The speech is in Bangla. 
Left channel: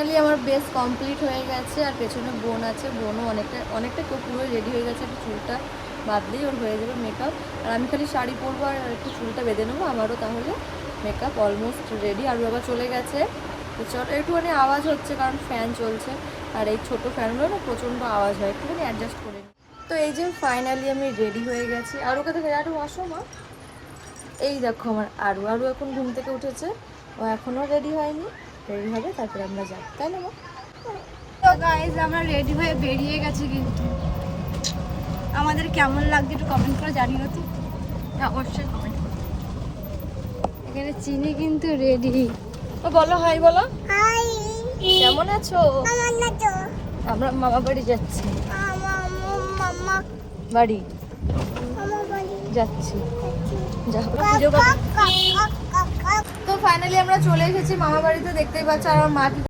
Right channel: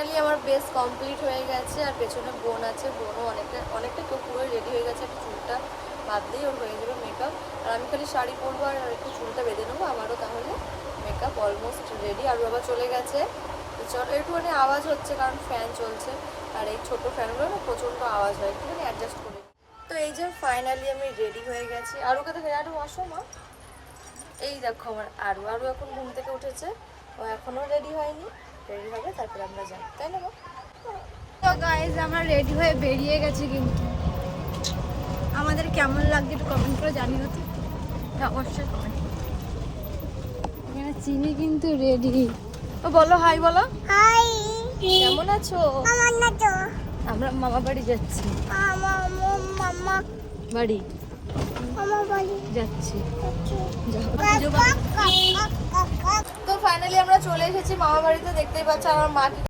আমার বেস কমপ্লিট হয়ে গেছে, আর পেছনে বোন আছে, বোনও অনেকটা কেউ পুরোই রেডি হয়ে গেছে। একটু চুলটা বাঁধলেই ওর হয়ে যাবে মেকআপ, আর আমি খালি শাড়ি পরবো আর একটু চুলটা বেঁধে নেবো, আমারও তাহলে মেকআপ অলমোস্ট রেডি। আর বাবা চলে গেছে। তো চল, একটুখানি আওয়াজ হচ্ছে কারণ ফ্যান চলছে, আর এই ছোটো ফ্যানগুলো না প্রচণ্ড আওয়াজ হয়, একটুখানি অ্যাডজাস্ট করে নিই। তো এই যে ফাইনালি আমি রেডি হয়ে গেছি। আরও কোথায় আরও আসো মা। এই দেখো আমার আরও এখন ঘুম থেকে উঠেছে, ও এখনও রেডি হয়নি, রেডি হবে তারপরে আমরা যাই, তাই না মা? তো গাইজ আমরা রেডি হয়ে বেরিয়ে গেছি, কিন্তু আমাদের কেমন লাগছে একটু কমেন্ট করে জানিও তো, অবশ্যই কমেন্ট করো। এখানে চিনি কিন্তু রেডি। ও বলো হাই, বলো হাই, কেমন আছো? আমার না তো আমরা মামা বাড়ি যাচ্ছি, মামা বাড়ি আমার বাড়ি যাচ্ছি, আছে। যাবো পুজো করতে। কাকা তো ফাইনালি আমরা চলে এসেছি মামা বাড়িতে, দেখতেই পাচ্ছ। আর আমার মা কি